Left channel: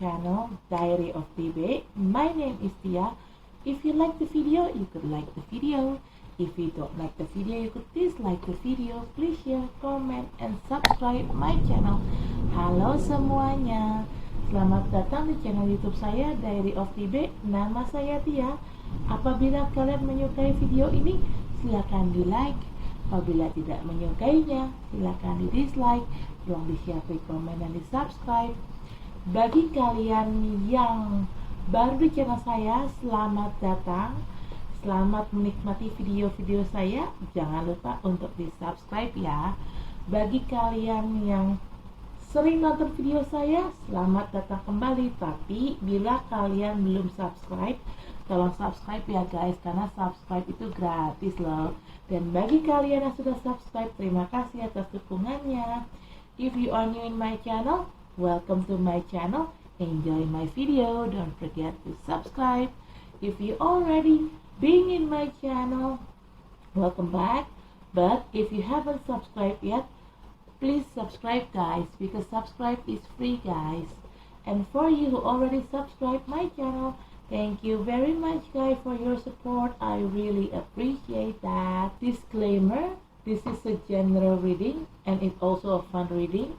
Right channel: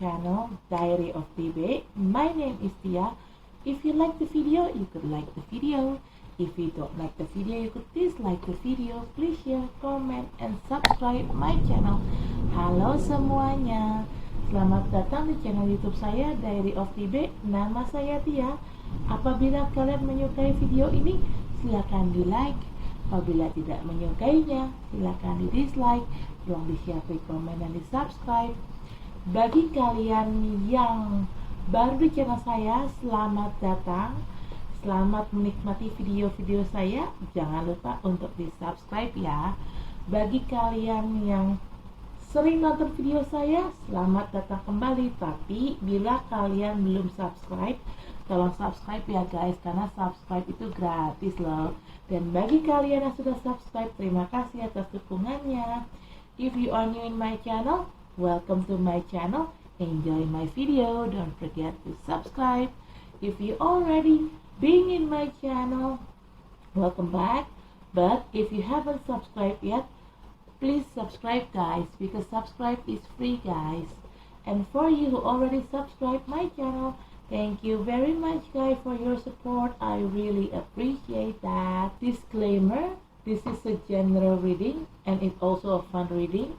channel Diary of TB. My name is Tia. If you like the video, you could like the video. If you don't like the video, you could dislike the video. Please share, comment, and subscribe my channel. Halo semuanya, selamat datang di channel YouTube saya Diary of TB. Nama saya Tia. Apabila kalian menyukai video ini, silakan di like. Apabila tidak menyukainya, silakan di dislike. Tolong di share, di komen, dan di subscribe. Bagi kalian yang baru di channel saya, selamat datang. Selamat menikmati video-video saya. Jangan lupa untuk di subscribe ya. Bagi kalian yang sering nonton video saya, selamat datang kembali. Tapi bila kalian belum subscribe, tolong subscribe ya guys, karena subscribe itu gratis loh. Dan bagi kalian yang sudah subscribe, terima kasih atas dukungannya. If you are new in my channel, welcome to my channel. Enjoy my video. Don't forget to subscribe. If you already been in my channel, welcome back. But if you haven't subscribed yet, please subscribe guys, because subscribe is free guys. And for you who already subscribed my channel, thank you very much guys for your support. I really appreciate that. Disclaimer, this is a general reading and it's also a fun reading.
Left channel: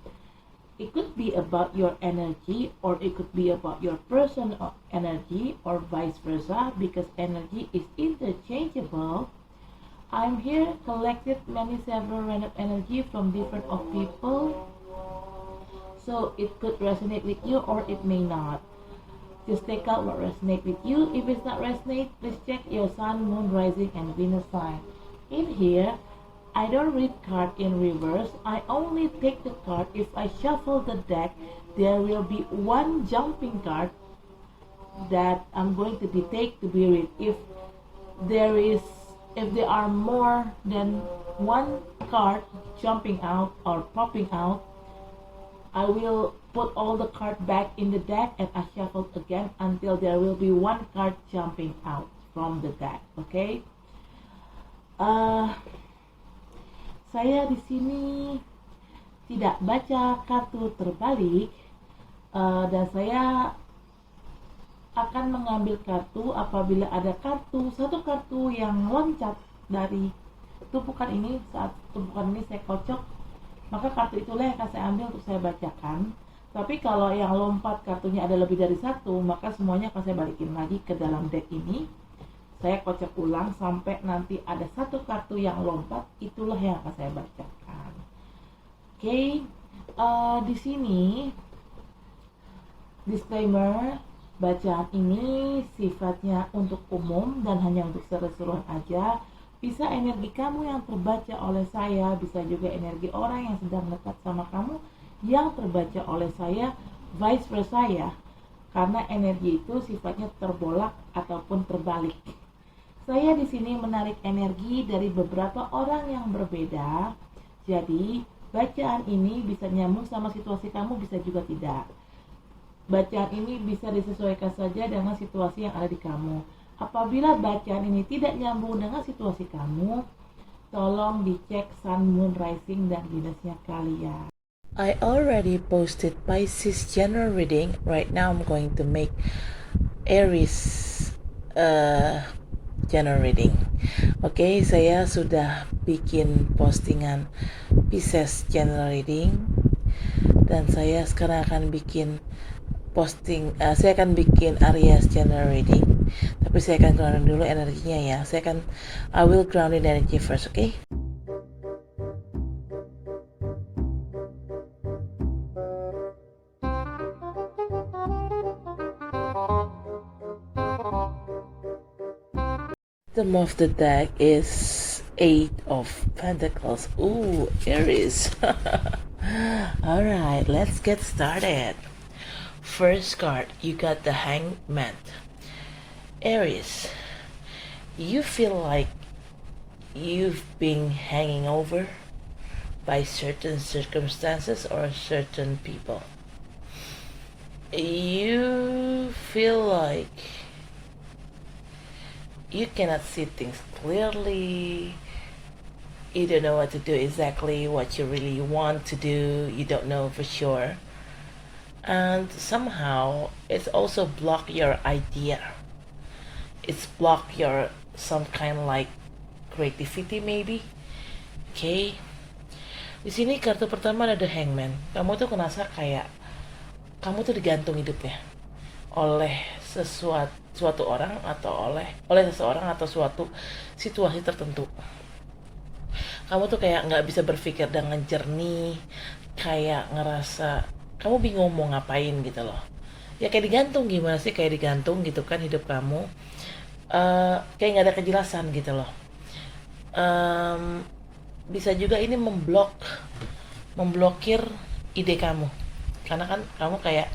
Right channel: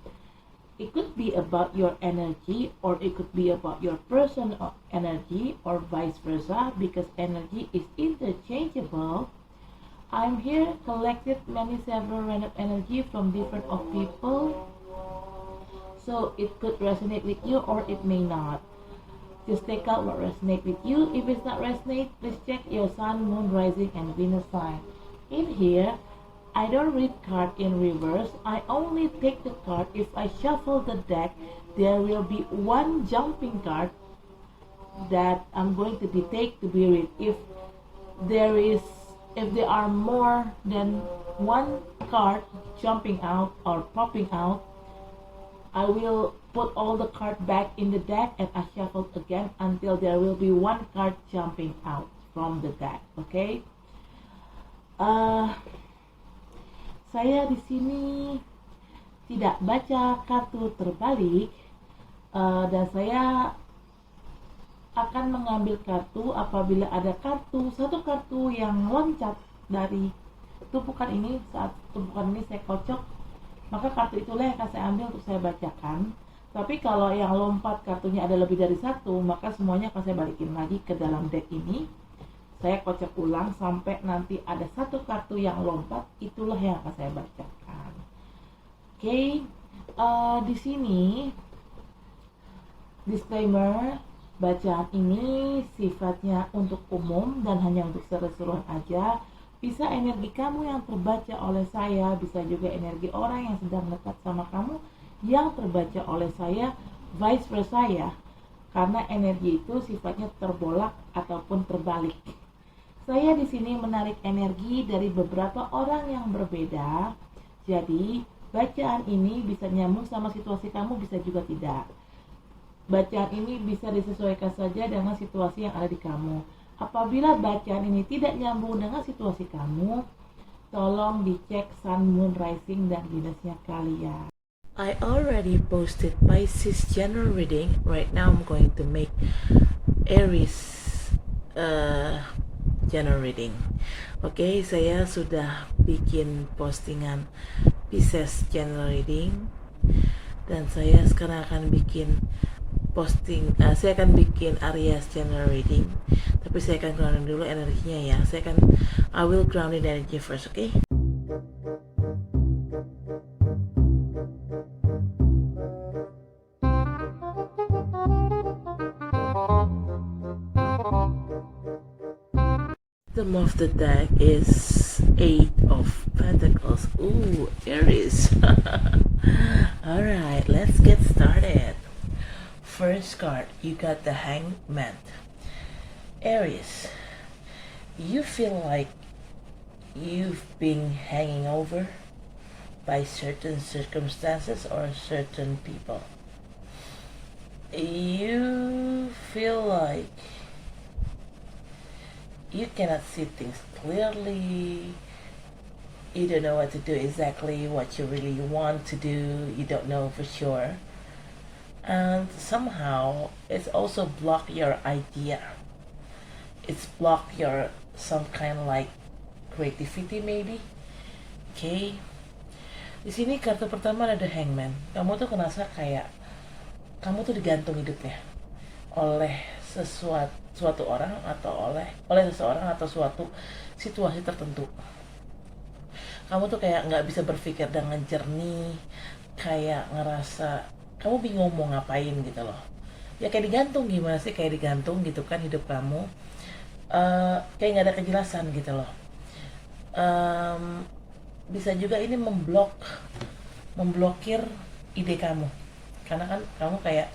It could be about your energy, or it could be about your personal energy, or vice versa, because energy is interchangeable. I'm here collected several random energy from different of people, so it could resonate with you or it may not. Just take out what resonates with you. If it's not resonate, please check your sun, moon, rising, and Venus sign. In here, I don't read card in reverse. I only take the card. If I shuffle the deck, there will be one jumping card that I'm going to take to be read. If there are more than one card jumping out or popping out, I will put all the card back in the deck and I shuffle again until there will be one card jumping out from the deck. Okay? Saya di sini tidak baca kartu terbalik, dan saya akan mengambil kartu apabila ada satu kartu yang loncat dari tumpukan ini. Saat tumpukan ini saya kocok, maka kartu itulah yang akan saya ambil untuk saya bacakan. Tapi kalau yang lompat kartunya ada lebih dari satu, maka semuanya akan saya balikin lagi ke dalam deck ini. Saya kocok ulang sampai nanti ada satu kartu yang lompat, itulah yang akan saya bacakan. Oke, di sini disclaimer, bacaan ini sifatnya untuk umum dan hanya untuk seru-seruan aja. Bisa energi kamu yang terbaca oleh saya, bisa juga energi orang yang sedang dekat sama kamu yang terbaca oleh saya, vice versa ya. Karena energi itu sifatnya terbolak ataupun terbalik. Saya di sini menarik energi dari beberapa orang yang berbeda. Jadi, bacaan ini bisa nyambung sama situasi kamu, bisa juga tidak. Bacaan ini bisa disesuaikan saja dengan situasi yang ada di kamu. Apabila bacaan ini tidak nyambung dengan situasi kamu, tolong dicek sun, moon, rising, dan Venusnya kalian. I already posted Pisces general reading. Right now I'm going to make Aries general reading. Oke, saya sudah bikin postingan Pisces general reading, dan saya sekarang akan bikin saya akan bikin Aries general reading. Tapi saya akan grounding dulu energinya ya. I will grounding energy first, okay? The bottom of the deck is 8 of Pentacles. Ooh, Aries. Alright, let's get started. First card, you got the Hangman. Aries, you feel like you've been hanging over by certain circumstances or certain people. You feel like you cannot see things clearly. You don't know what to do, exactly what you really want to do. You don't know for sure. and somehow it's also block your idea. It's block your some kind like creativity maybe. Okay. Di sini kartu pertama ada Hangman. Kamu tuh ngerasa kayak kamu tuh digantung hidupnya oleh suatu orang atau oleh seseorang atau suatu situasi tertentu. Kamu tuh kayak nggak bisa berpikir dengan jernih, kayak ngerasa kamu bingung mau ngapain gitu loh. Ya kayak digantung, gimana sih kayak digantung gitu kan hidup kamu. Kayak nggak ada kejelasan gitu loh. Bisa juga ini memblokir ide kamu, karena kan kamu kayak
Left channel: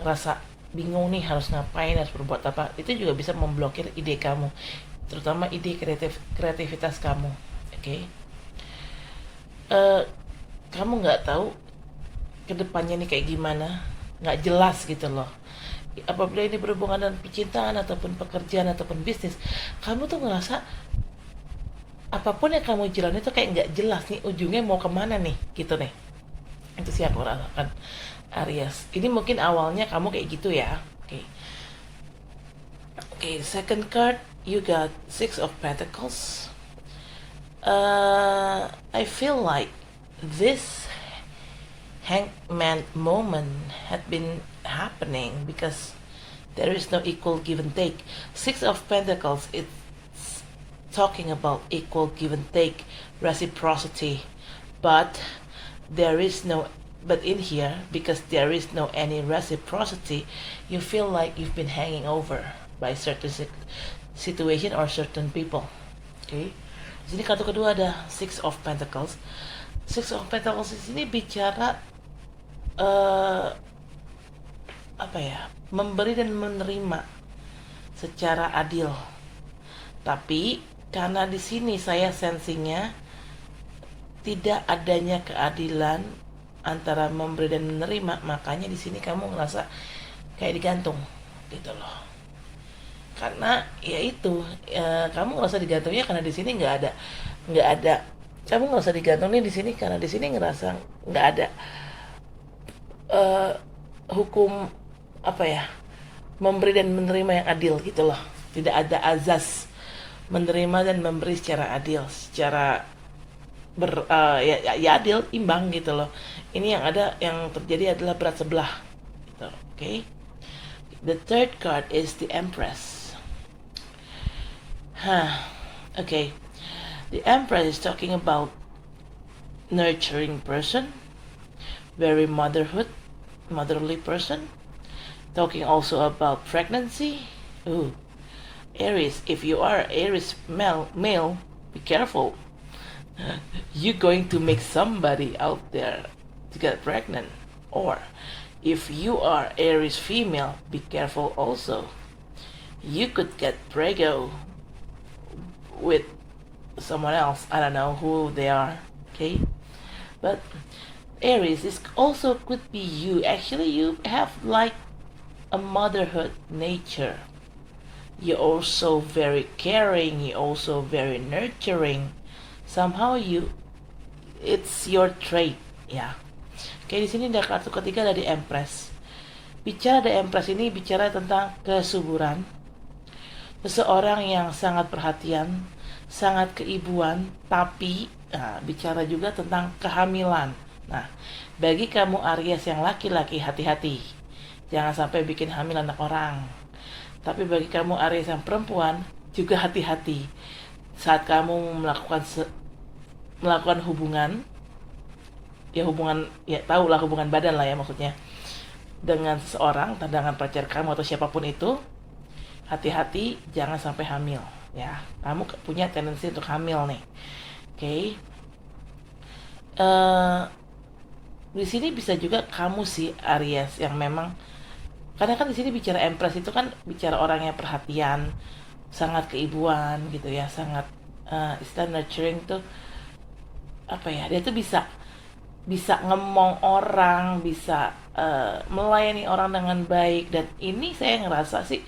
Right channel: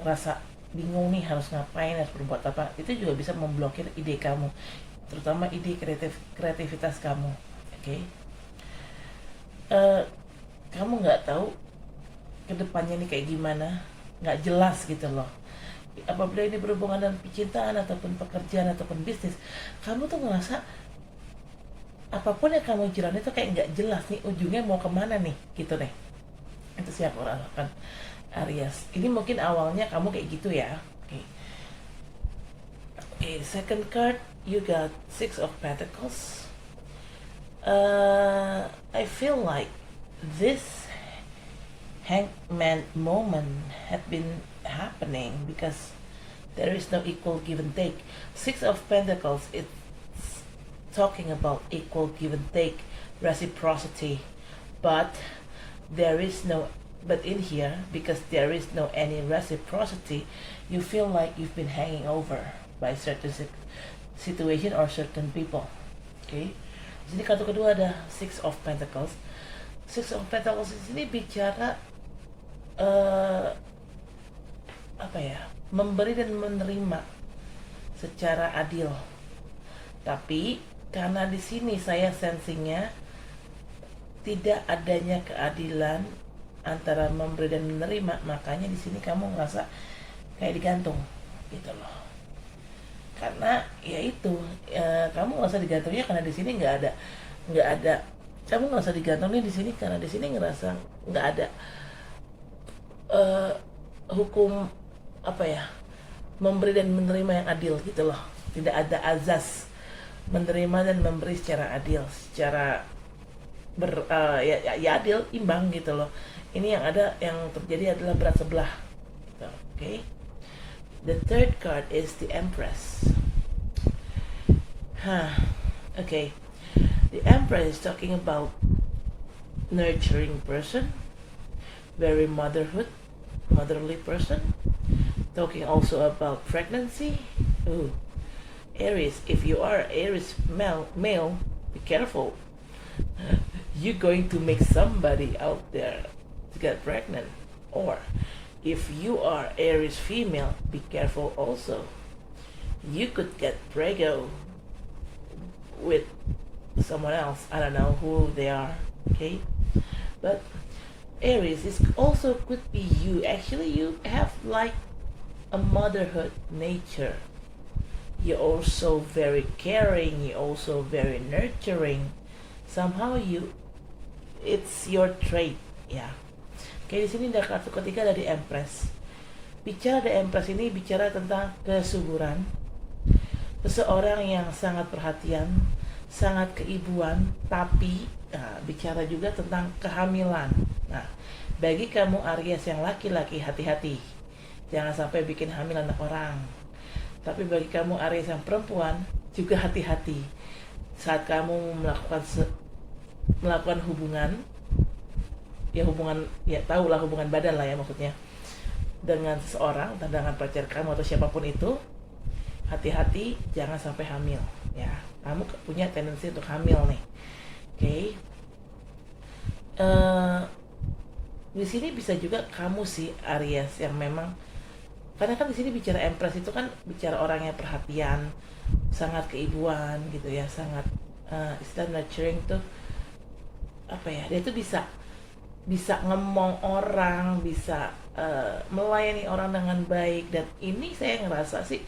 ngerasa bingung nih harus ngapain, harus berbuat apa. Itu juga bisa memblokir ide kamu, terutama ide kreativitas kamu. Oke. Kamu nggak tahu kedepannya nih kayak gimana, nggak jelas gitu loh. Apabila ini berhubungan dengan percintaan ataupun pekerjaan ataupun bisnis, kamu tuh ngerasa apapun yang kamu jalani itu kayak nggak jelas nih ujungnya mau kemana nih gitu nih. Itu sih aku rasakan, Aries. Ini mungkin awalnya kamu kayak gitu ya. Okay, second card you got Six of Pentacles. I feel like this hangman moment had been happening because there is no equal give and take. Six of Pentacles, it's talking about equal give and take, reciprocity, but in here, because there is no any reciprocity, you feel like you've been hanging over by certain situation or certain people. Okay. Di sini kartu kedua ada Six of Pentacles. Six of Pentacles di sini bicara memberi dan menerima secara adil. Tapi karena di sini saya sensingnya tidak adanya keadilan antara memberi dan menerima, makanya di sini kamu ngerasa kayak digantung gitu loh. Karena ya itu kamu ngerasa digantungnya karena di sini nggak ada kamu nggak usah digantung nih di sini karena di sini ngerasa nggak ada hukum memberi dan menerima yang adil gitu loh. Tidak ada azas menerima dan memberi secara adil, secara ya adil, imbang gitu loh. Ini yang terjadi adalah berat sebelah gitu. Okay. The third card is the Empress. Okay. The Empress is talking about nurturing person, very motherly person. Talking also about pregnancy. Ooh. Aries, if you are Aries male, be careful. You're going to make somebody out there to get pregnant. Or if you are Aries female, be careful also. You could get pregnant with someone else. I don't know who they are. Okay, but Aries is also could be you. Actually, you have like a motherhood nature. You're also very caring. You're also very nurturing. Somehow it's your trait. Ya. Oke, di sini ada kartu ketiga dari Empress. Bicara The Empress ini bicara tentang kesuburan. Seseorang yang sangat perhatian, sangat keibuan, tapi bicara juga tentang kehamilan. Nah, bagi kamu Aries yang laki-laki, hati-hati. Jangan sampai bikin hamil anak orang. Tapi bagi kamu Aries yang perempuan, juga hati-hati. Saat kamu melakukan hubungan, tahulah hubungan badan lah ya maksudnya, dengan seseorang, dengan pacar kamu atau siapapun itu, hati-hati jangan sampai hamil ya. Kamu punya tendensi untuk hamil nih. Okay. Di sini bisa juga kamu sih Aries yang memang, karena kan di sini bicara Empress itu kan bicara orang yang perhatian, sangat keibuan gitu ya, sangat istilah nurturing tuh dia tuh bisa ngemong orang, bisa melayani orang dengan baik. Dan ini saya ngerasa sih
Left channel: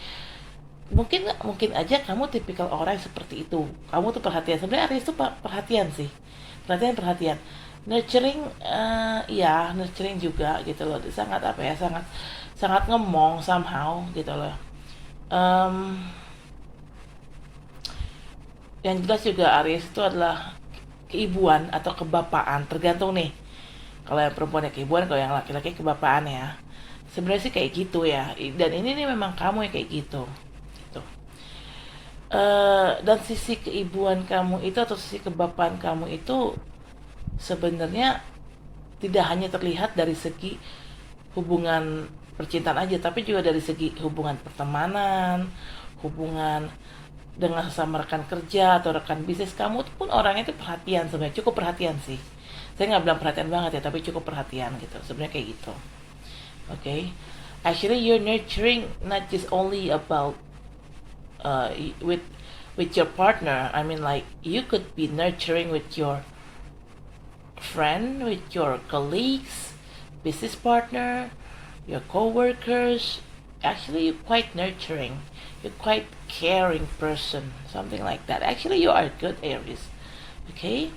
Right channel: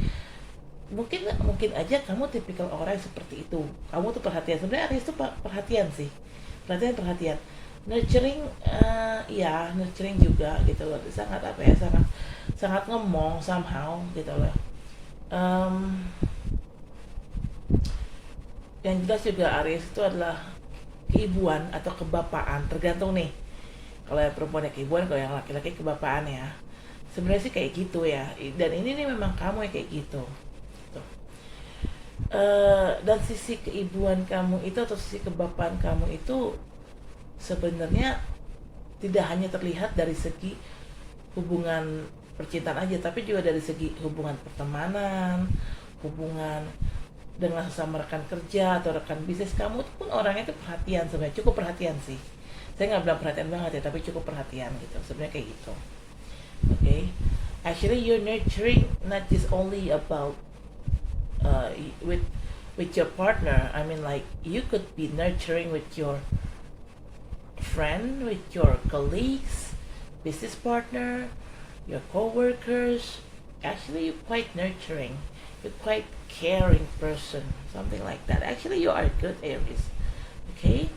mungkin aja kamu tipikal orang yang seperti itu. Kamu tuh perhatian. Sebenarnya Aries tuh perhatian sih, perhatian. Nurturing, ya nurturing juga gitu loh. Sangat apa ya, sangat sangat ngemong somehow gitu loh. Em, yang jelas juga Aries itu adalah keibuan atau kebapaan, tergantung nih. Kalau yang perempuannya keibuan, kalau yang laki-laki kebapaan ya. Sebenarnya sih kayak gitu ya. Dan ini nih memang kamu yang kayak gitu. Gitu. Dan sisi keibuan kamu itu atau sisi kebapaan kamu itu sebenarnya tidak hanya terlihat dari segi hubungan percintaan aja, tapi juga dari segi hubungan pertemanan, hubungan dengan sesama rekan kerja atau rekan bisnis. Kamu tuh pun orangnya tuh perhatian, sebenarnya cukup perhatian sih. Saya nggak bilang perhatian banget ya, tapi cukup perhatian gitu, sebenarnya kayak gitu. Okay, actually you're nurturing not just only about uh, with your partner. I mean, like you could be nurturing with your friend, with your colleagues, business partner, your co-workers. Actually, you're quite nurturing. You're quite caring person, something like that. Actually, you are good Aries. Okay?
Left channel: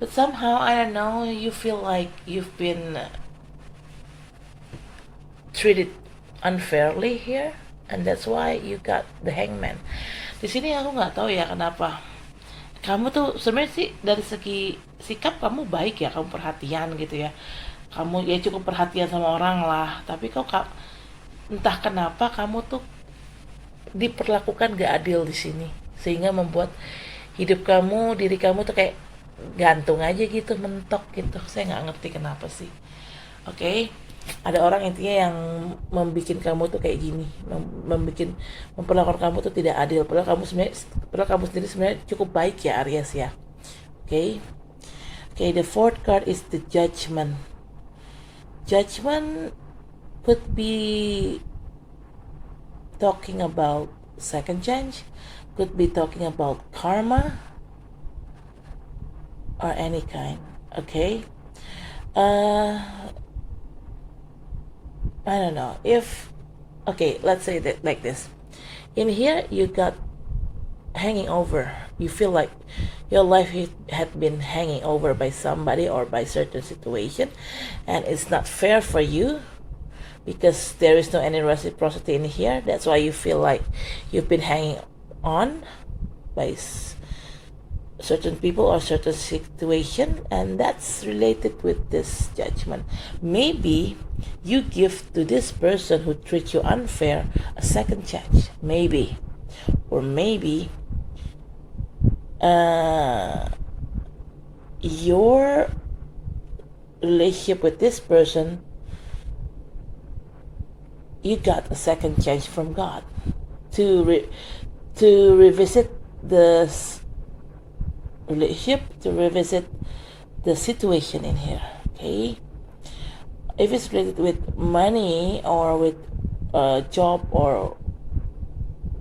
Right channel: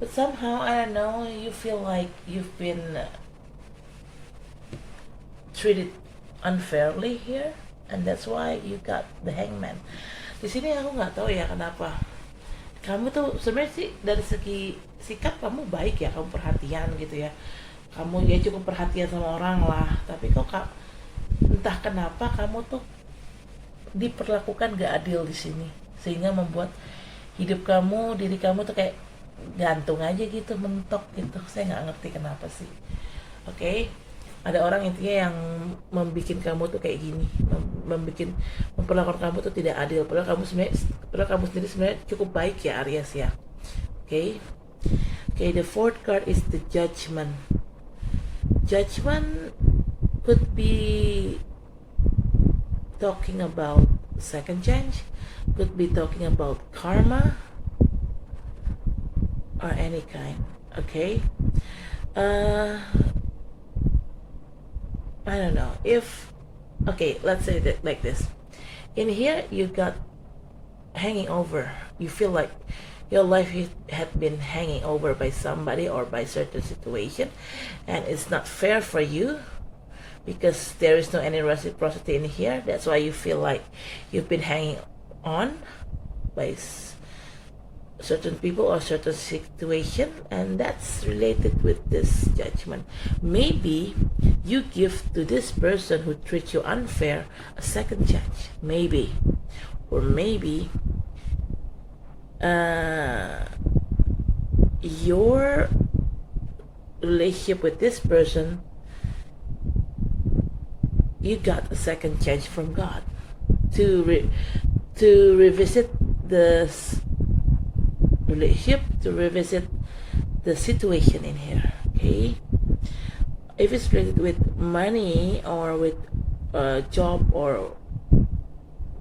But somehow, I don't know, you feel like you've been treated unfairly here, and that's why you got the hangman. Di sini aku nggak tahu ya kenapa. Kamu tuh sebenarnya sih dari segi sikap kamu baik ya, kamu perhatian gitu ya. Kamu ya cukup perhatian sama orang lah, tapi kok entah kenapa kamu tuh diperlakukan gak adil di sini, sehingga membuat hidup kamu, diri kamu tuh kayak gantung aja gitu, mentok gitu. Saya nggak ngerti kenapa sih. Oke, ada orang intinya yang membuat kamu tuh kayak gini, memperlakukan kamu tuh tidak adil. Padahal kamu sendiri sebenarnya cukup baik ya Aries ya. Oke, the fourth card is the Judgment. Judgment could be talking about second chance, could be talking about karma, or any kind. Okay, I don't know if, okay, let's say that like this. In here, you got hanging over. You feel like your life had been hanging over by somebody or by certain situation, and it's not fair for you because there is no any reciprocity in here. That's why you feel like you've been hanging on by certain people or certain situation, and that's related with this Judgment. Maybe you give to this person who treats you unfair a second chance, maybe, or maybe your relationship with this person, you got a second chance from God to revisit this relationship, to revisit the situation in here. Okay, if it's related with money or with a job or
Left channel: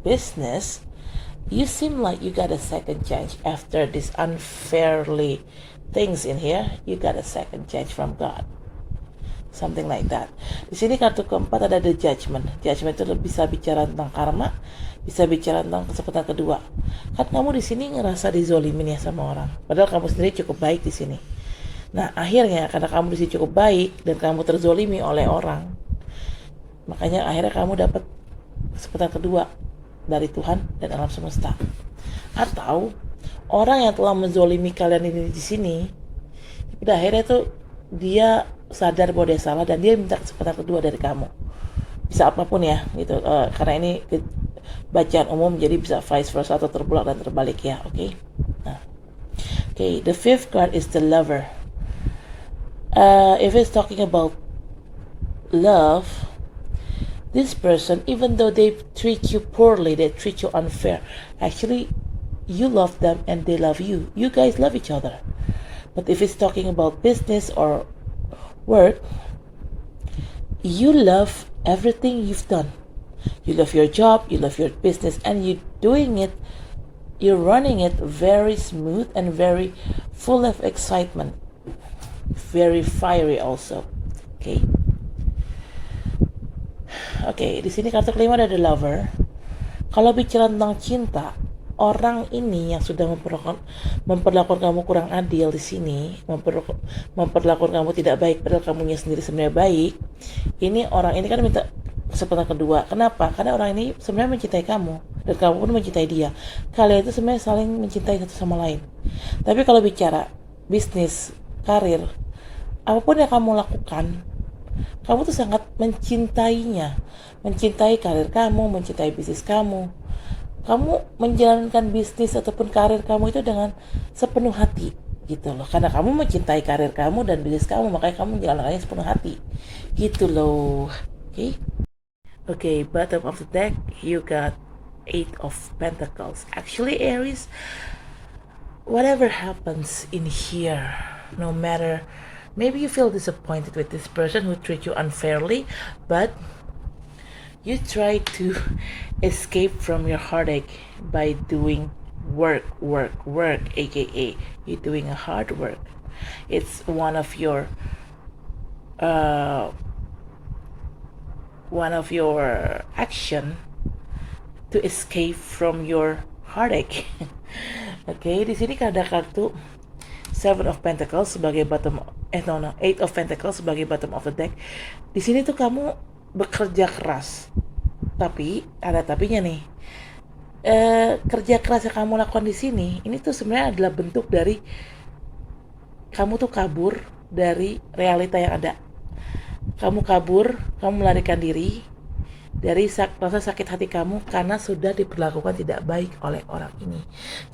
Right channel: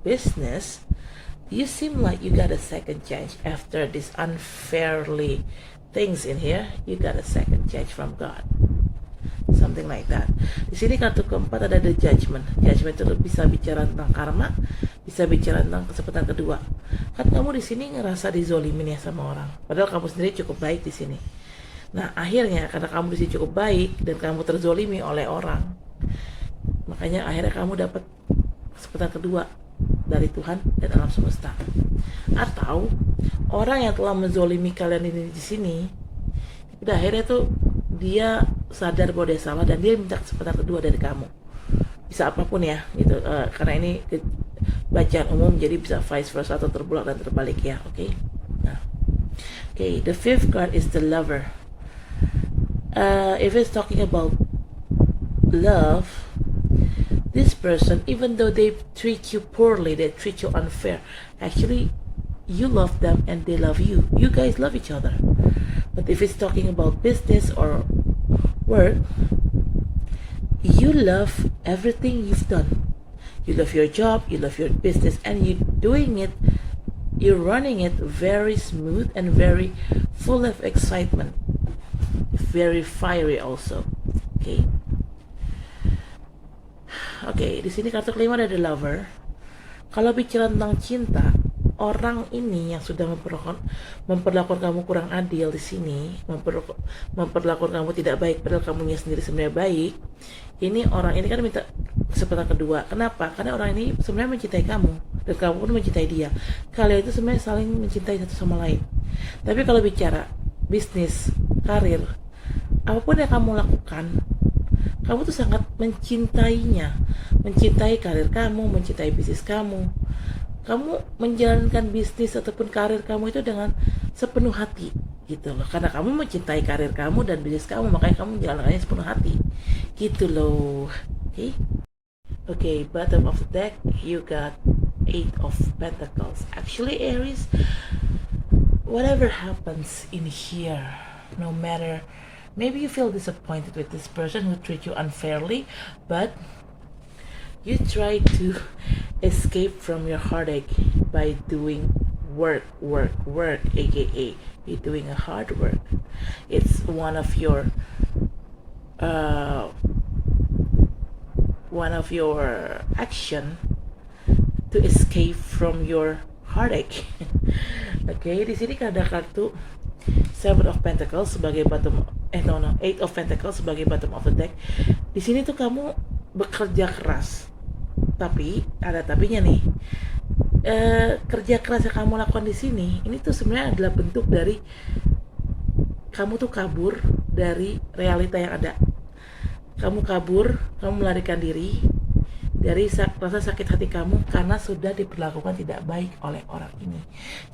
business, you seem like you got a second chance after this unfairly things in here. You got a second chance from God, something like that. Di sini kartu keempat ada the Judgment. Judgment itu bisa bicara tentang karma, bisa bicara tentang kesempatan kedua. Kan kamu di sini ngerasa dizolimin ya sama orang, padahal kamu sendiri cukup baik di sini. Nah akhirnya karena kamu di sini cukup baik dan kamu terzolimi oleh orang, makanya akhirnya kamu dapat kesempatan kedua dari Tuhan dan alam semesta. Atau orang yang telah menzolimi kalian ini di sini, udah akhirnya tuh dia sadar bahwa dia salah dan dia minta kesempatan kedua dari kamu. Bisa apapun ya gitu, karena ini bacaan umum jadi bisa vice versa atau terbulak dan terbalik ya. Oke. Nah, okay, the fifth card is the Lover. If it's talking about love, this person, even though they treat you poorly, they treat you unfair, actually you love them and they love you. You guys love each other. But if it's talking about business or work, you love everything you've done. You love your job, you love your business, and you're running it very smooth and very full of excitement. Very fiery also. Okay. Oke, di sini kartu kelima ada the Lover. Kalau bicara tentang cinta, orang ini yang sudah memperlakukan kamu kurang adil di sini, memperlakukan kamu tidak baik padahal kamunya sendiri sebenarnya baik. Ini orang ini kan minta kesempatan kedua. Kenapa? Karena orang ini sebenarnya mencintai kamu dan kamu pun mencintai dia. Kalian itu sebenarnya saling mencintai satu sama lain. Tapi kalau bicara bisnis, karir, apapun yang kamu lakukan, kamu tuh sangat mencintainya, mencintai karir kamu, mencintai bisnis kamu. Kamu menjalankan bisnis ataupun karir kamu itu dengan sepenuh hati gitu loh, karena kamu mencintai karir kamu dan bisnis kamu, makanya kamu menjalankannya sepenuh hati gitu loh. Okay, bottom of the deck you got 8 of Pentacles. Actually, Aries, whatever happens in here, no matter, maybe you feel disappointed with this person who treat you unfairly, but you try to escape from your heartache by doing work, aka you're doing a hard work. It's one of your action to escape from your heartache. Okay, di sini ada kartu 7 of Pentacles sebagai Eight of Pentacles sebagai bottom of the deck. Di sini tuh kamu bekerja keras, tapi ada tapinya nih. Kerja keras yang kamu lakukan di sini, ini tuh sebenarnya adalah bentuk dari kamu tuh kabur dari realita yang ada. Kamu kabur, kamu melarikan diri dari rasa sakit hati kamu karena sudah diperlakukan tidak baik oleh orang ini.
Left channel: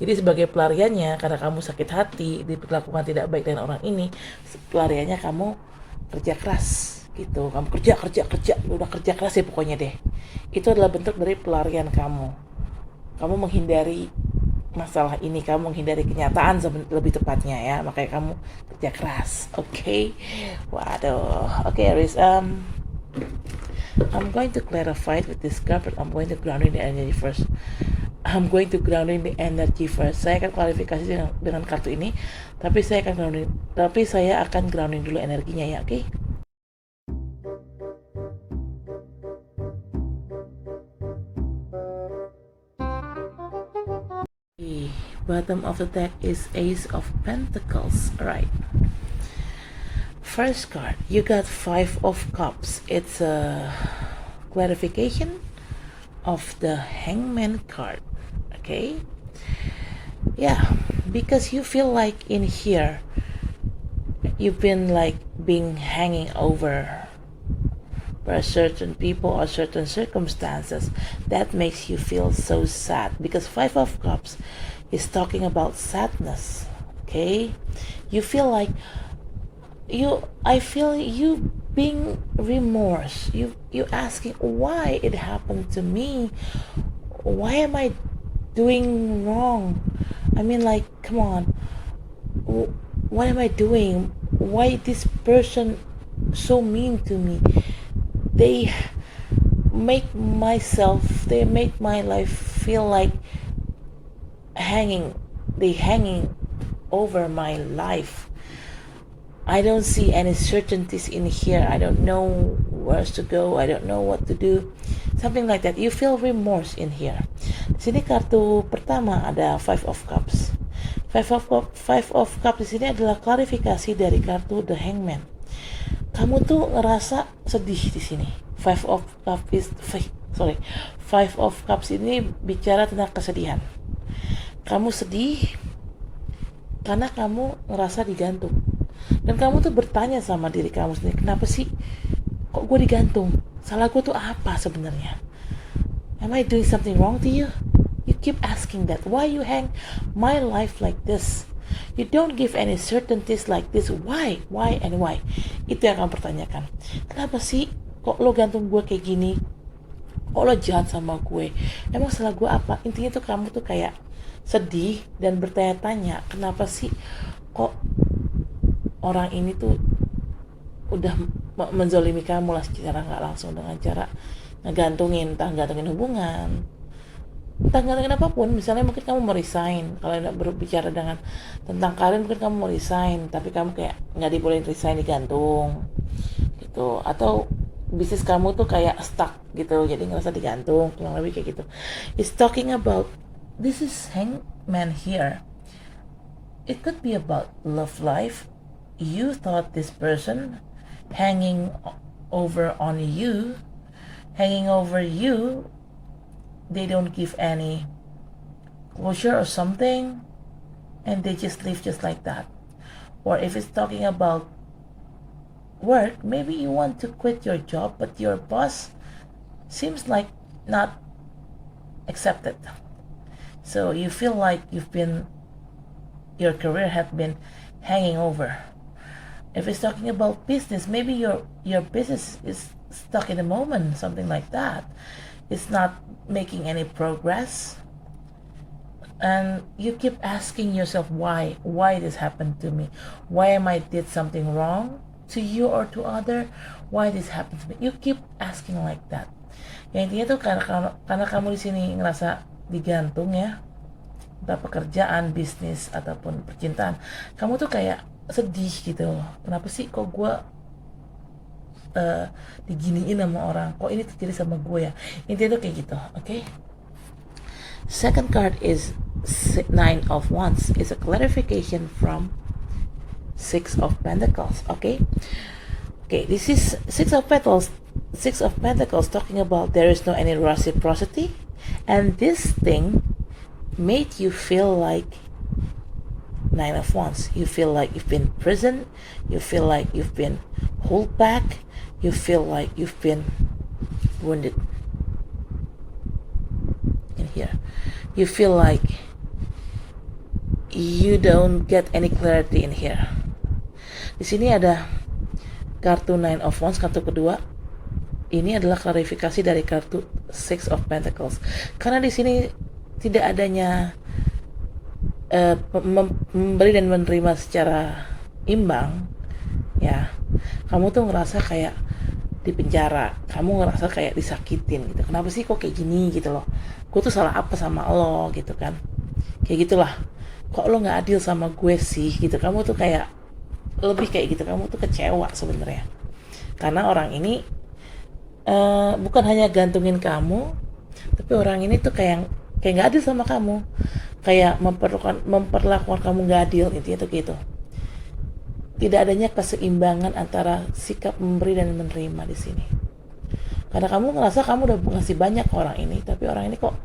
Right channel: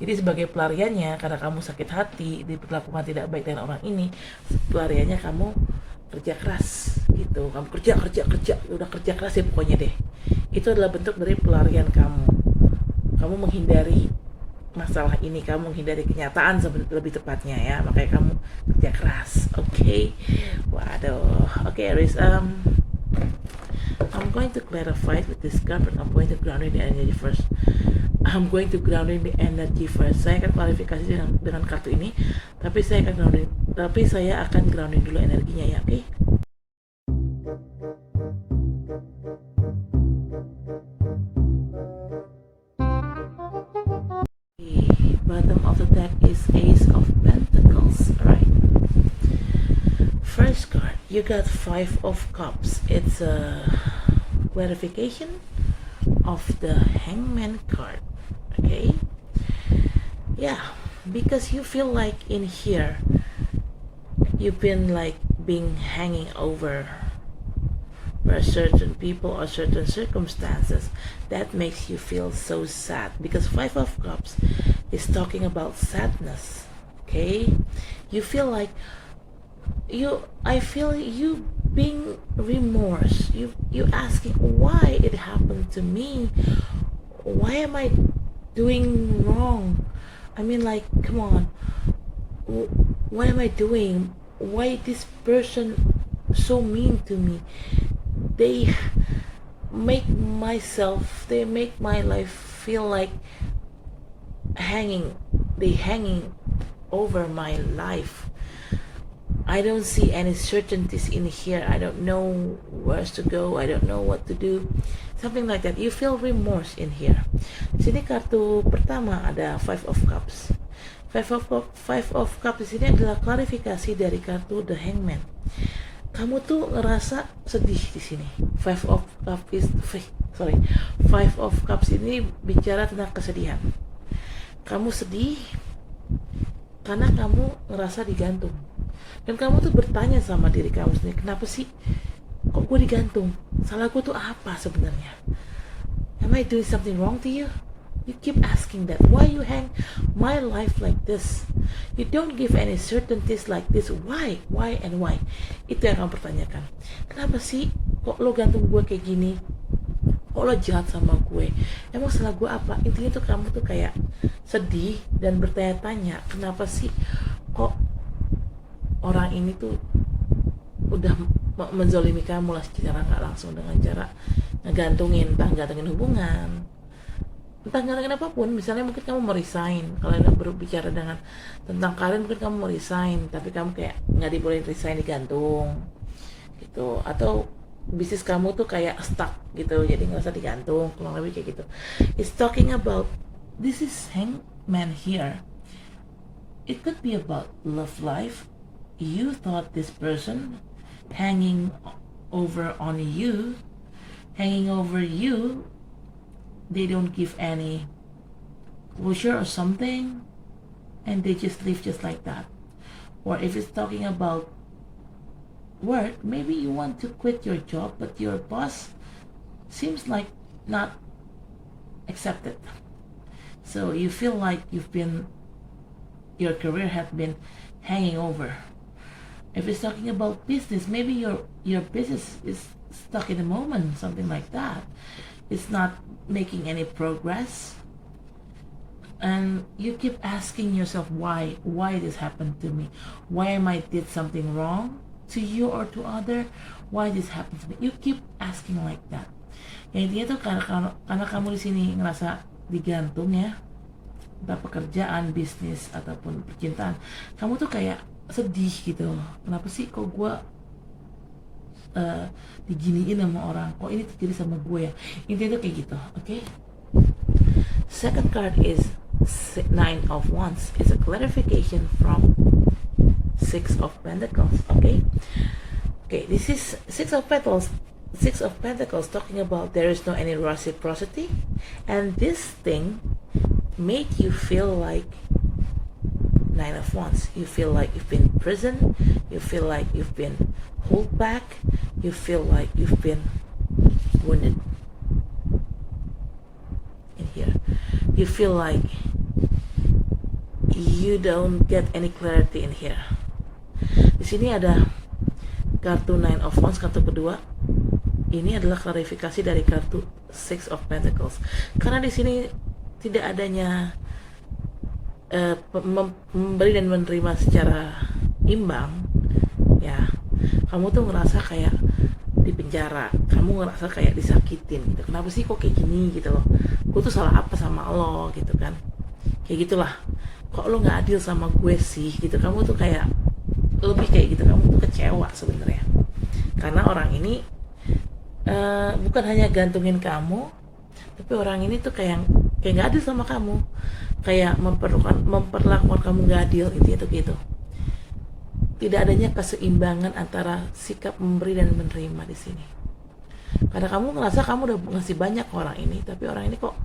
Jadi sebagai pelariannya, karena kamu sakit hati diperlakukan tidak baik dengan orang ini, pelariannya kamu kerja keras gitu. Kamu kerja udah kerja keras ya pokoknya deh. Itu adalah bentuk dari pelarian kamu. Kamu menghindari masalah ini, kamu menghindari kenyataan lebih tepatnya ya, makanya kamu kerja keras. Oke. Waduh. Oke, Aries, I'm going to clarify with this card, but I'm going to grounding the energy first. Saya akan klarifikasi dengan kartu ini, tapi saya akan grounding dulu energinya ya, oke? Bottom of the deck is Ace of Pentacles. Alright. First card, you got 5 of Cups. It's a clarification of the Hangman card. Okay? Yeah, because you feel like in here you've been like being hanging over by certain people or certain circumstances that makes you feel so sad, because 5 of Cups is talking about sadness. Okay, you feel like I feel you being remorse, you asking why it happened to me, why am I doing wrong, I mean, like, come on, what am I doing, why this person so mean to me, they make my life feel like hanging over my life. I don't see any certainties in here. I don't know where to go. I don't know what to do. Something like that. You feel remorse in here. Di sini kartu pertama ada 5 of Cups. 5 of Cups di sini adalah klarifikasi dari kartu The Hangman. Kamu tuh ngerasa sedih di sini. 5 of Cups ini bicara tentang kesedihan. Kamu sedih karena kamu ngerasa digantung. Dan kamu tuh bertanya sama diri kamu sendiri, kenapa sih kok gue digantung? Salah gue tuh apa sebenarnya? Am I doing something wrong to you? You keep asking that. Why you hang my life like this? You don't give any certainties like this. Why? Why and why? Itu yang kamu pertanyakan. Kenapa sih kok lo gantung gue kayak gini? Kok lo jahat sama gue? Emang salah gue apa? Intinya tuh kamu tuh kayak sedih dan bertanya-tanya, kenapa sih kok orang ini tuh udah menzolimi kamu lah secara nggak langsung dengan cara ngegantungin, entah gantungin hubungan, entah gantungin apapun. Misalnya mungkin kamu mau resign, kalau udah berbicara dengan tentang karir mungkin kamu mau resign, tapi kamu kayak nggak dibolehin resign, digantung gitu. Atau bisnis kamu tuh kayak stuck gitu, jadi ngerasa digantung, kurang lebih kayak gitu. It's talking about this is hangman here. It could be about love life. You thought this person hanging over you, they don't give any closure or something, and they just leave just like that. Or if it's talking about work, maybe you want to quit your job, but your boss seems like not accepted. So you feel like your career have been hanging over. If it's talking about business, maybe your business is stuck in the moment, something like that. It's not making any progress, and you keep asking yourself why this happened to me, why am I did something wrong to you or to other, why this happened to me. You keep asking like that. Yang intinya tuh karena kamu di sini ngerasa digantung ya, entah pekerjaan, bisnis ataupun percintaan, kamu tuh kayak sedih gitu loh. Kenapa sih kok gue diginiin sama orang, kok ini terjadi sama gue ya. Intinya tuh kayak gitu, okay? Second card is Nine of Wands. Is a clarification from Six of Pentacles. Okay, this is Six of Pentacles talking about there is no any reciprocity, and this thing made you feel like Nine of Wands. You feel like you've been in prison. You feel like you've been held back. You feel like you've been wounded. In here, you feel like you don't get any clarity in here. Di sini ada kartu Nine of Wands, kartu kedua. Ini adalah klarifikasi dari kartu Six of Pentacles. Karena di sini tidak adanya memberi dan menerima secara imbang, ya. Kamu tuh ngerasa kayak di penjara, kamu ngerasa kayak disakitin gitu. Kenapa sih kok kayak gini gitu loh? Gue tuh salah apa sama lo gitu kan? Kayak gitulah. Kok lo nggak adil sama gue sih gitu? Kamu tuh kayak lebih kayak gitu. Kamu tuh kecewa sebenarnya. Karena orang ini bukan hanya gantungin kamu, tapi orang ini tuh kayak nggak adil sama kamu, kayak memperlakukan kamu nggak adil, intinya tuh gitu. Tidak adanya keseimbangan antara sikap memberi dan menerima di sini. Karena kamu ngerasa kamu udah ngasih banyak ke orang ini, tapi orang ini kok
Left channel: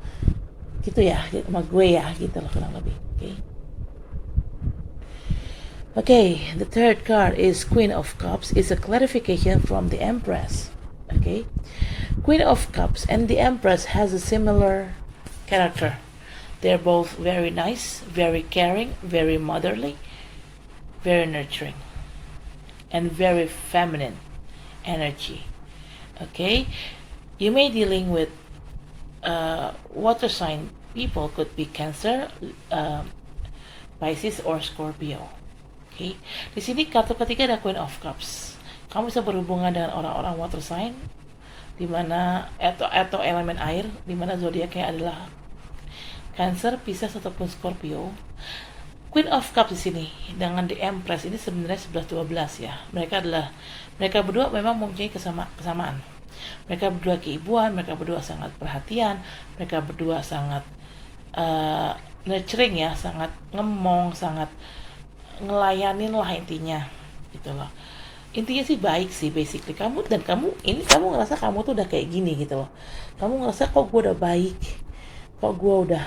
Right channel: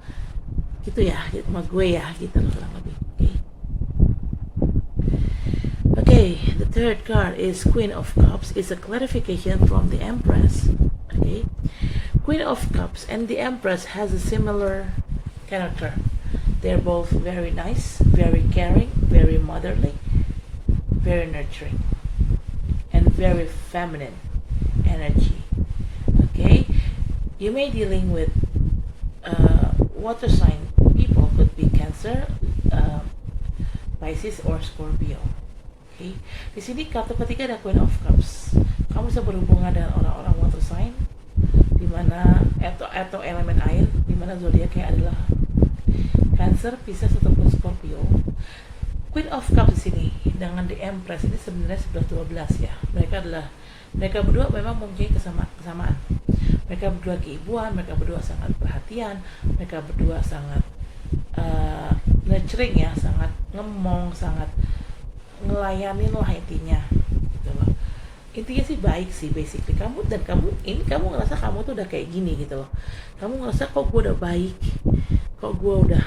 gitu ya, sama gue ya, gitu loh kurang lebih. Okay, the third card is Queen of Cups. It's a clarification from the Empress. Okay, Queen of Cups and the Empress has a similar character. They're both very nice, very caring, very motherly, very nurturing, and very feminine energy. Okay, you may dealing with water sign people, could be Cancer, Pisces, or Scorpio. Okay, di sini kartu ketiga ada Queen of Cups. Kamu bisa berhubungan dengan orang-orang water sign, dimana atau elemen air, dimana zodiaknya adalah Cancer, Pisces ataupun Scorpio. Queen of Cups di sini dengan The Empress ini sebenarnya 11-12 ya. Mereka berdua memang mempunyai kesamaan. Mereka berdua keibuan, mereka berdua sangat perhatian, mereka berdua sangat nurturing ya, sangat ngemong, sangat ngelayanin lah intinya gitu loh. Intinya sih baik sih basically. Kamu ngerasa kamu tuh udah kayak gini gitu loh. Kamu ngerasa kok gue udah baik, kok gue udah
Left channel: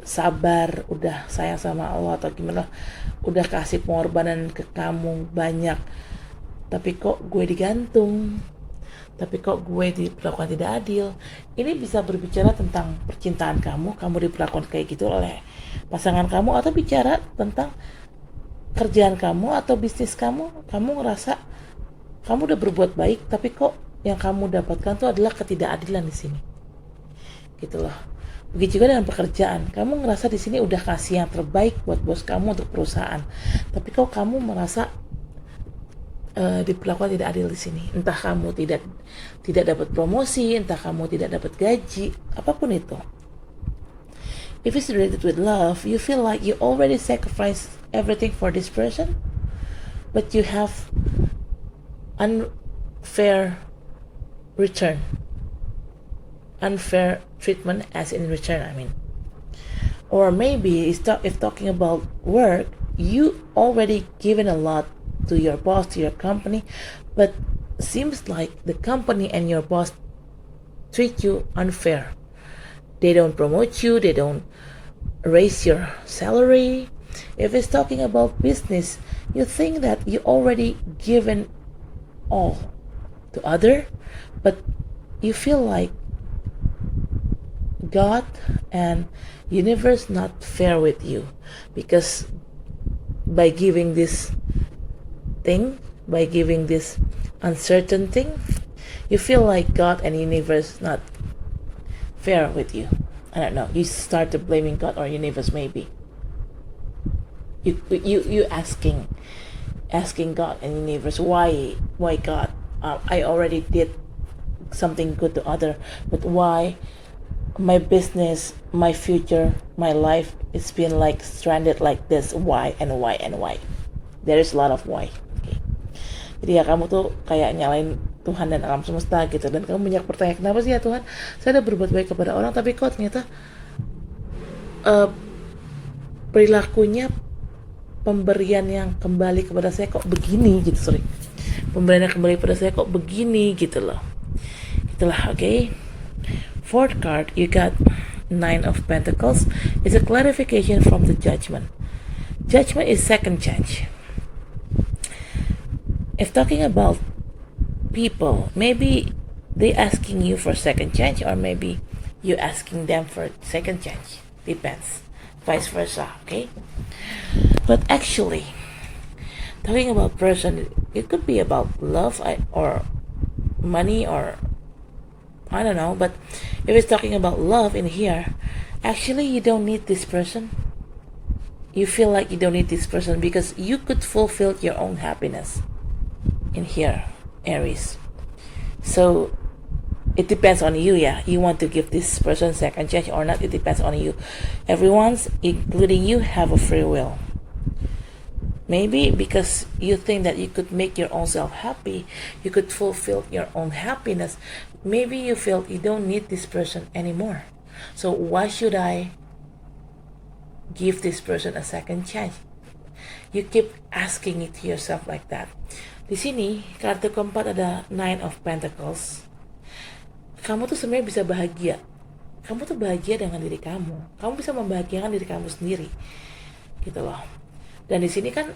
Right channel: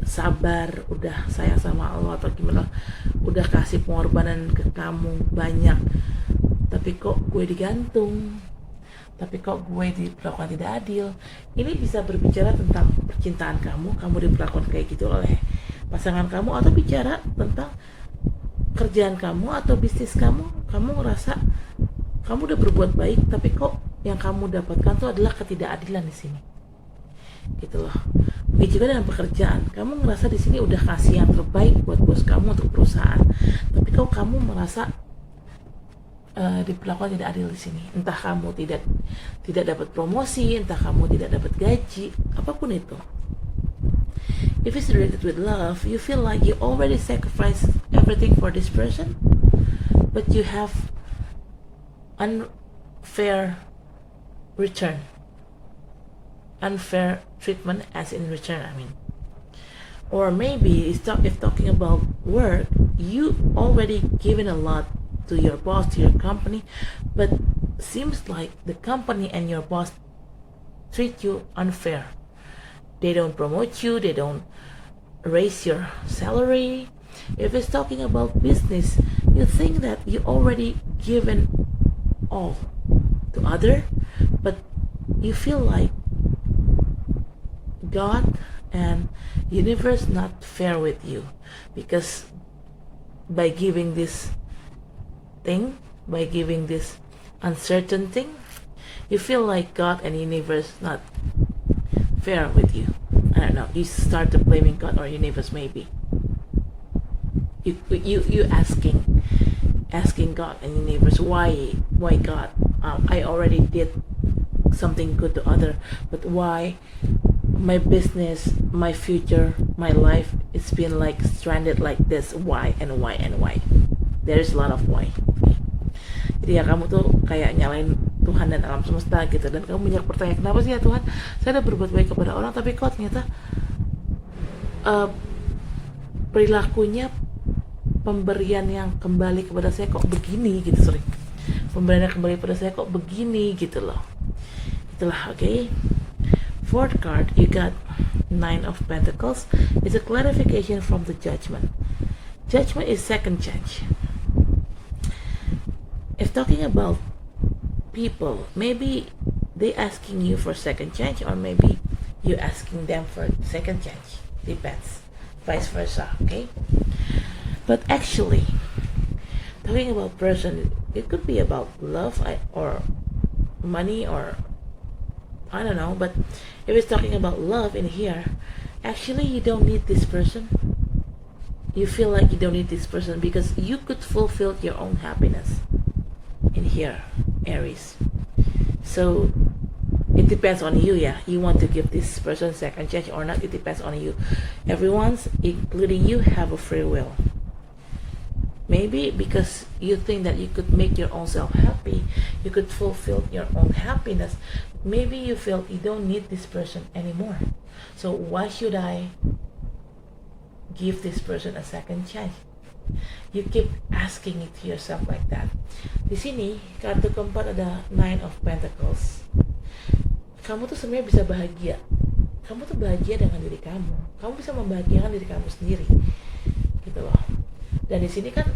sabar, udah sayang sama Allah atau gimana, udah kasih pengorbanan ke kamu banyak, tapi kok gue digantung, tapi kok gue diperlakukan tidak adil. Ini bisa berbicara tentang percintaan kamu diperlakukan kayak gitu oleh pasangan kamu, atau bicara tentang kerjaan kamu atau bisnis kamu ngerasa kamu udah berbuat baik, tapi kok yang kamu dapatkan tuh adalah ketidakadilan di sini gitu loh. Begitu juga dengan pekerjaan, kamu ngerasa di sini udah kasih yang terbaik buat bos kamu untuk perusahaan, tapi kok kamu merasa diperlakukan tidak adil di sini. Entah kamu tidak dapat promosi, entah kamu tidak dapat gaji, apapun itu. If it's related with love, you feel like you already sacrificed everything for this person, but you have unfair return, unfair treatment as in return. I mean, Or maybe if talking about work, you already given a lot to your boss, to your company, but seems like the company and your boss treat you unfair. They don't promote you, they don't raise your salary. If it's talking about business, you think that you already given all to other, but you feel like God and universe not fair with you, because by giving this thing, by giving this uncertain thing, you feel like God and universe not fair with you. I don't know, you start to blaming God or universe. Maybe you asking God and universe, why God, I already did something good to other, but why my business, my future, my life, it's been like stranded like this? Why and why and why? There is a lot of why. Jadi ya kamu tuh kayak nyalain Tuhan dan alam semesta gitu, dan kamu banyak bertanya, kenapa sih ya Tuhan, saya udah berbuat baik kepada orang tapi kok ternyata perilakunya, pemberian yang kembali kepada saya kok begini gitu, pemberian yang kembali kepada saya kok begini gitu loh. Itulah, okay. Fourth card, you got Nine of Pentacles. It's a clarification from the Judgment. Judgment is second chance. If talking about people, maybe they asking you for second chance, or maybe you asking them for second chance. Depends. Vice versa, okay? But actually, talking about person, it could be about love or money, or I don't know, but if it's talking about love in here, actually you don't need this person. You feel like you don't need this person because you could fulfill your own happiness in here, Aries. So it depends on you, yeah. You want to give this person second chance or not, it depends on you. Everyone's, including you, have a free will. Maybe because you think that you could make your own self happy, you could fulfill your own happiness. Maybe you feel you don't need this person anymore. So why should I give this person a second chance? You keep asking it to yourself like that. Di sini kartu keempat ada Nine of Pentacles. Kamu tuh sebenarnya bisa bahagia. Kamu tuh bahagia dengan diri kamu. Kamu bisa membahagiakan diri kamu sendiri, gitu loh. Dan di sini kan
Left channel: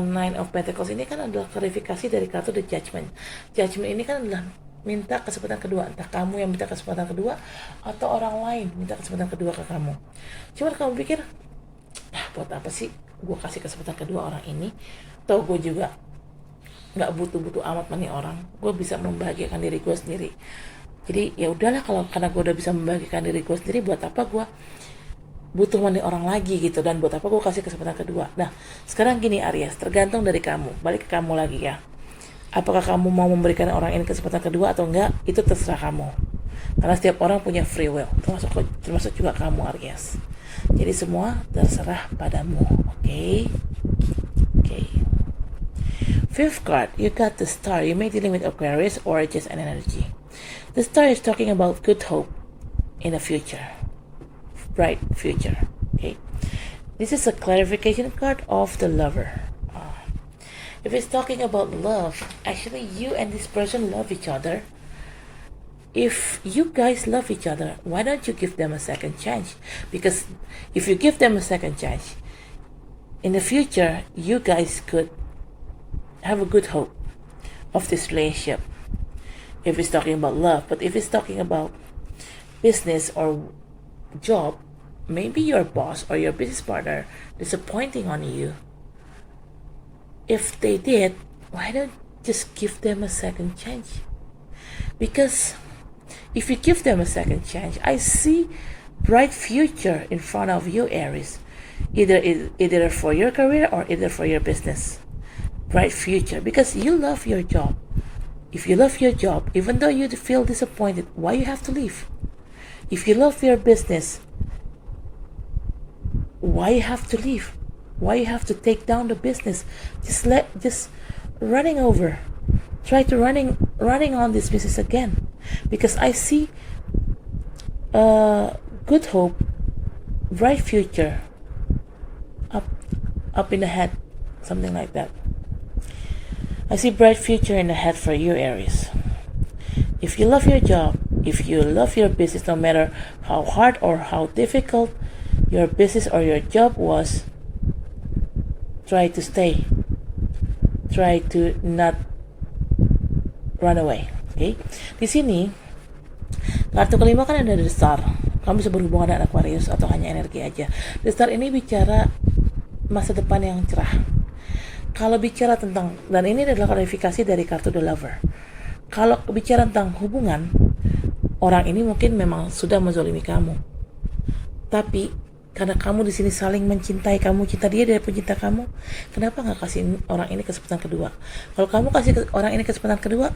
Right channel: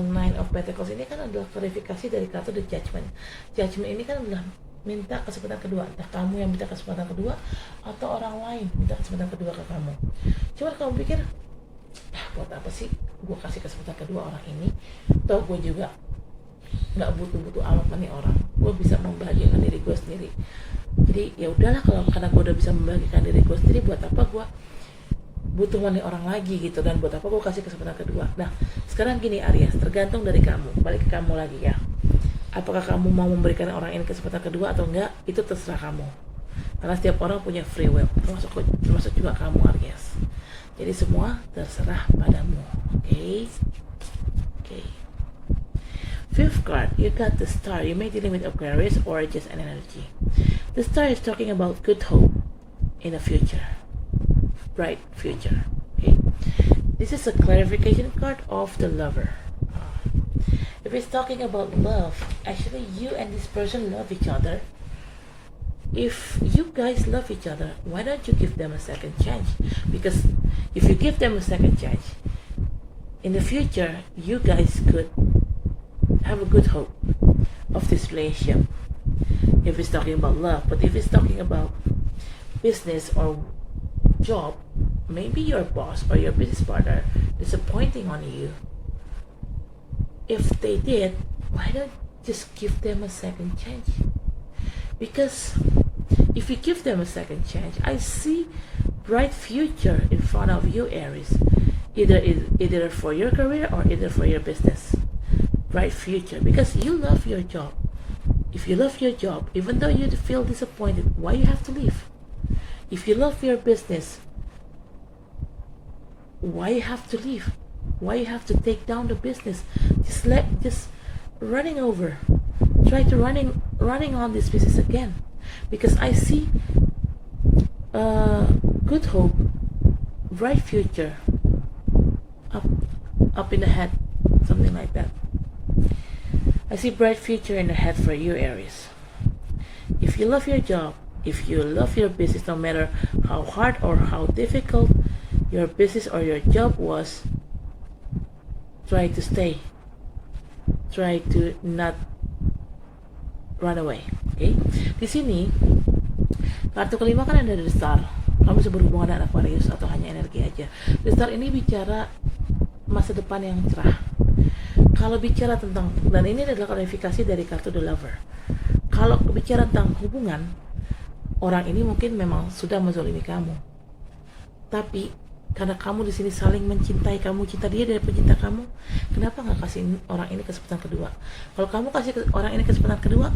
Nine of Pentacles ini kan adalah klarifikasi dari kartu The Judgment. Judgment ini kan adalah minta kesempatan kedua, entah kamu yang minta kesempatan kedua atau orang lain minta kesempatan kedua ke kamu. Cuman kamu pikir, buat apa sih gue kasih kesempatan kedua orang ini? Toh gue juga nggak butuh amat money orang. Gue bisa membahagiakan diri gue sendiri. Jadi ya udahlah, kalau karena gue udah bisa membahagiakan diri gue sendiri, buat apa gue butuh money orang lagi gitu, dan buat apa gue kasih kesempatan kedua? Nah sekarang gini Aries, tergantung dari kamu, balik ke kamu lagi ya. Apakah kamu mau memberikan orang ini kesempatan kedua atau enggak, itu terserah kamu. Karena setiap orang punya free will, termasuk juga kamu Aries. Jadi semua terserah padamu, okay? Okay. Fifth card, you got the Star. You may dealing with Aquarius or just an energy. The Star is talking about good hope in the future, bright future, okay? This is a clarification card of the Lover. If it's talking about love, actually you and this person love each other. If you guys love each other, why don't you give them a second chance? Because if you give them a second chance, in the future, you guys could have a good hope of this relationship. If it's talking about love, but if it's talking about business or job, maybe your boss or your business partner disappointing on you. If they did, why don't just give them a second chance? Because if you give them a second chance, I see bright future in front of you, Aries. Either for your career or either for your business. Bright future, because you love your job. If you love your job, even though you feel disappointed, why you have to leave? If you love your business, why you have to leave? Why you have to take down the business? Just running over. Try to running on this business again, because I see good hope bright future up in the head, something like that. I see bright future in the head for you, Aries. If you love your job, if you love your business, no matter how hard or how difficult your business or your job was, try to stay. Try to not run away. Okay? Di sini kartu kelima kan ada The Star. Kamu bisa berhubungan dengan Aquarius atau hanya energi aja. The Star ini bicara masa depan yang cerah. Kalau bicara tentang, dan ini adalah klarifikasi dari kartu The Lover. Kalau bicara tentang hubungan, orang ini mungkin memang sudah menzalimi kamu. Tapi karena kamu di sini saling mencintai, kamu cinta dia pun cinta kamu, kenapa nggak kasih orang ini kesempatan kedua? Kalau kamu kasih orang ini kesempatan kedua,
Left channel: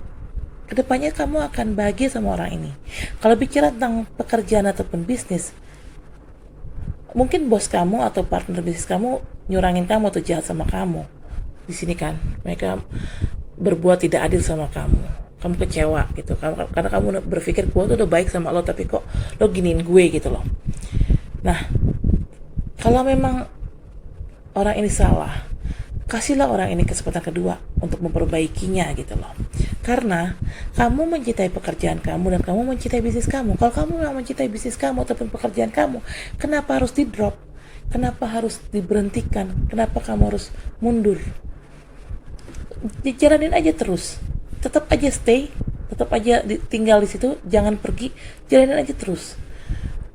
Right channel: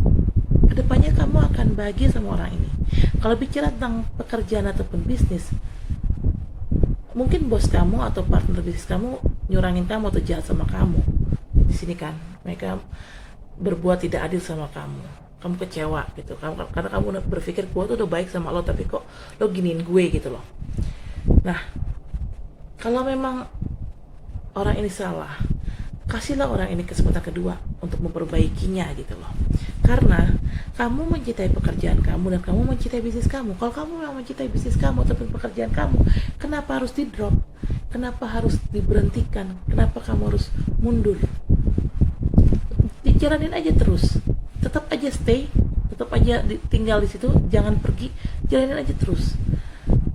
kedepannya kamu akan bahagia sama orang ini. Kalau bicara tentang pekerjaan ataupun bisnis, mungkin bos kamu atau partner bisnis kamu nyurangin kamu atau jahat sama kamu. Di sini kan mereka berbuat tidak adil sama kamu. Kamu kecewa gitu, karena kamu berpikir gue tuh udah baik sama lo, tapi kok lo giniin gue gitu loh. Nah, kalau memang orang ini salah, kasihlah orang ini kesempatan kedua untuk memperbaikinya gitu loh. Karena kamu mencintai pekerjaan kamu dan kamu mencintai bisnis kamu. Kalau kamu memang mencintai bisnis kamu ataupun pekerjaan kamu, kenapa harus di drop? Kenapa harus diberhentikan? Kenapa kamu harus mundur? Jalanin aja terus. Tetap aja stay, tetap aja tinggal di situ, jangan pergi, jalanin aja terus.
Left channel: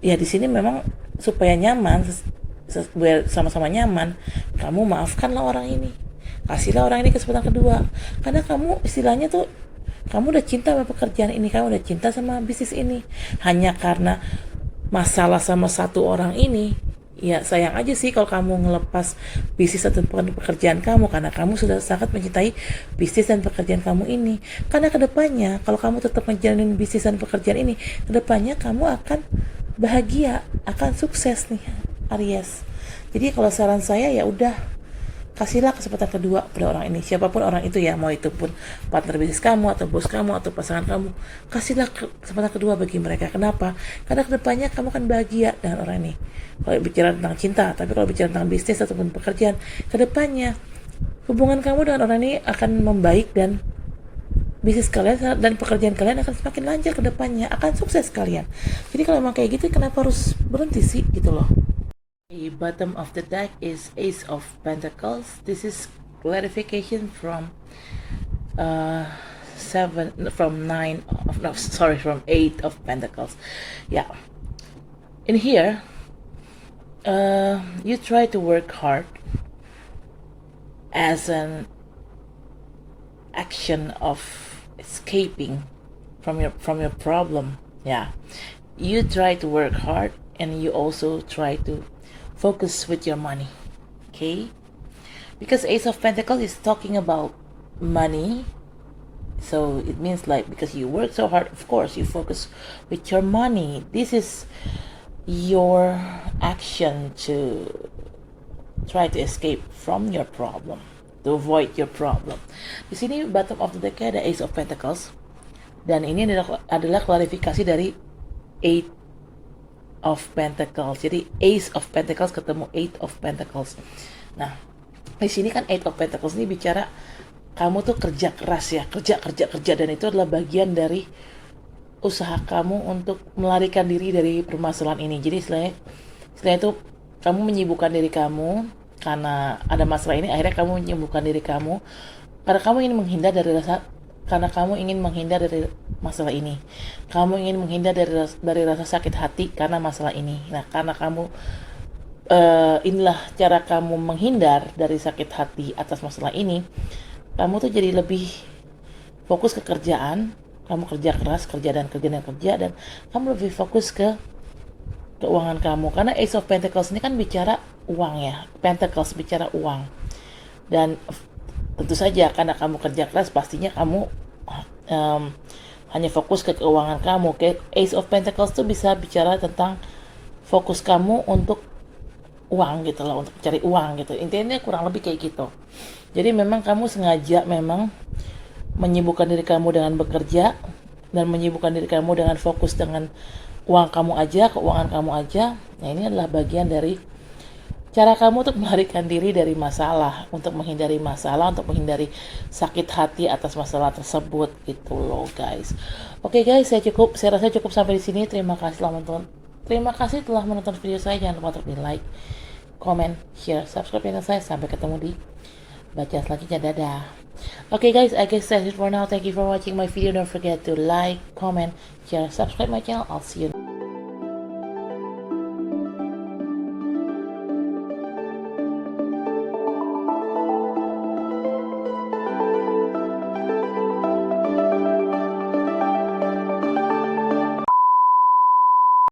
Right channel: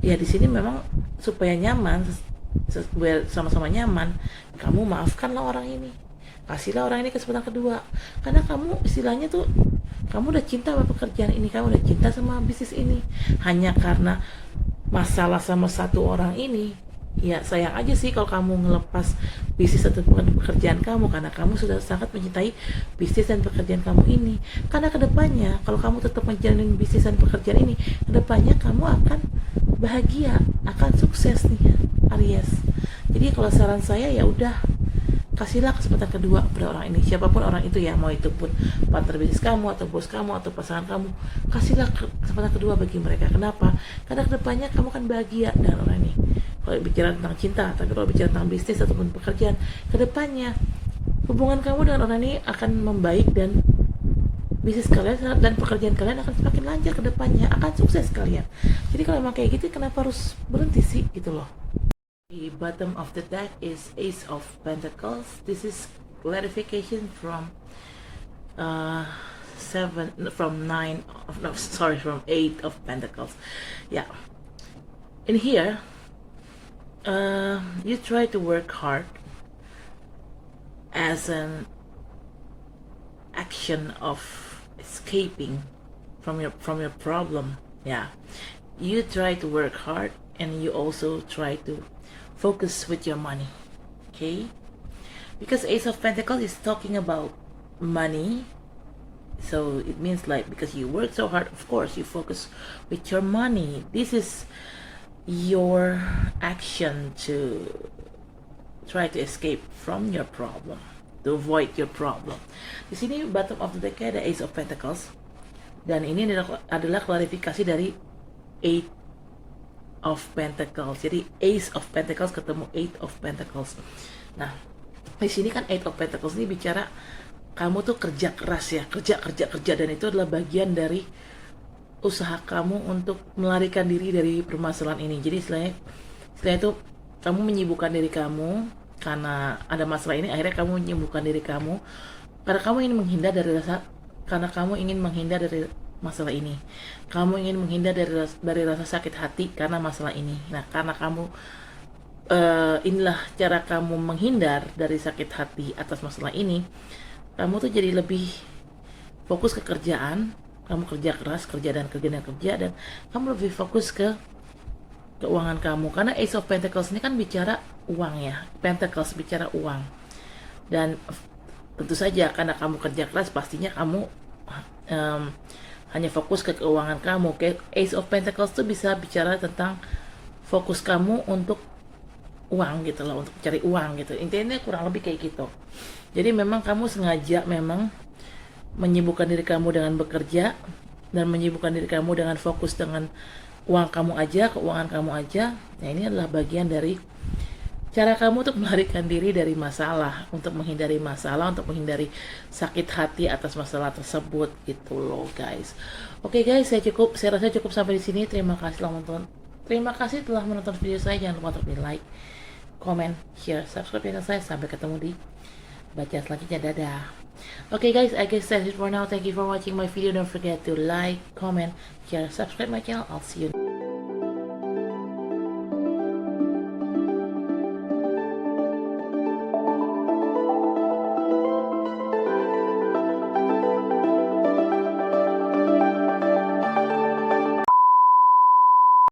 Ya di sini memang supaya nyaman, sama-sama nyaman, kamu maafkanlah orang ini, kasihlah orang ini kesempatan kedua. Karena kamu istilahnya tuh, kamu udah cinta sama pekerjaan ini, kamu udah cinta sama bisnis ini. Hanya karena masalah sama satu orang ini, ya sayang aja sih kalau kamu ngelepas bisnis atau pekerjaan kamu, karena kamu sudah sangat mencintai bisnis dan pekerjaan kamu ini. Karena kedepannya kalau kamu tetap menjalani bisnis dan pekerjaan ini, kedepannya kamu akan bahagia, akan sukses nih, Aries. Jadi kalau saran saya ya udah, kasihlah kesempatan kedua pada orang ini, siapapun orang itu ya, mau itu pun partner bisnis kamu atau bos kamu atau pasangan kamu, kasihlah kesempatan kedua bagi mereka. Kenapa? Karena kedepannya kamu akan bahagia dengan orang ini. Kalau bicara tentang cinta, tapi kalau bicara tentang bisnis ataupun pekerjaan, kedepannya hubungan kamu dengan orang ini akan membaik dan bisnis kalian dan pekerjaan kalian akan semakin lancar kedepannya, akan sukses kalian. Jadi kalau emang kayak gitu, kenapa harus berhenti sih gitu loh. The bottom of the deck is Ace of Pentacles. This is clarification from from 8 of Pentacles. Yeah. In here, you try to work hard as an action of escaping from your problem. Yeah. You try to work hard and you also try to focus with your money, okay? Because Ace of Pentacles is talking about money, so it means like because you work so hard, of course you focus with your money. This is your action to try to escape from your problem, to avoid your problem. Di sini bottom of the deck ada Ace of Pentacles, dan ini adalah klarifikasi dari 8 of Pentacles. Jadi Ace of Pentacles ketemu 8 of Pentacles. Nah, di sini kan 8 of Pentacles ini bicara kamu tuh kerja keras ya, kerja, dan itu adalah bagian dari usaha kamu untuk melarikan diri dari permasalahan ini. Jadi istilahnya itu kamu menyibukkan diri kamu karena ada masalah ini, akhirnya kamu menyibukkan diri kamu karena kamu ingin menghindar dari masalah ini. Kamu ingin menghindar dari rasa sakit hati karena masalah ini. Nah, karena kamu inilah cara kamu menghindar dari sakit hati atas masalah ini. Kamu tuh jadi lebih fokus ke kerjaan. Kamu kerja keras, kerja, dan kamu lebih fokus ke keuangan kamu. Karena Ace of Pentacles ini kan bicara uang ya. Pentacles bicara uang. Dan tentu saja karena kamu kerja keras, pastinya kamu hanya fokus ke keuangan kamu. Ace of Pentacles tuh bisa bicara tentang fokus kamu untuk uang gitu loh, untuk cari uang gitu. Intinya kurang lebih kayak gitu. Jadi memang kamu sengaja memang menyibukkan diri kamu dengan bekerja dan menyibukkan diri kamu dengan fokus dengan uang kamu aja, keuangan kamu aja. Nah, ini adalah bagian dari cara kamu untuk melarikan diri dari masalah, untuk menghindari masalah, untuk menghindari sakit hati atas masalah tersebut gitu loh guys. Oke guys, saya rasa cukup sampai di sini. Terima kasih telah menonton video saya. Jangan lupa untuk di like, comment, share, subscribe channel saya. Sampai ketemu di baca selanjutnya. Dadah. Okay guys, I guess that's it for now. Thank you for watching my video. Don't forget to like, comment, share, subscribe my channel. I'll see you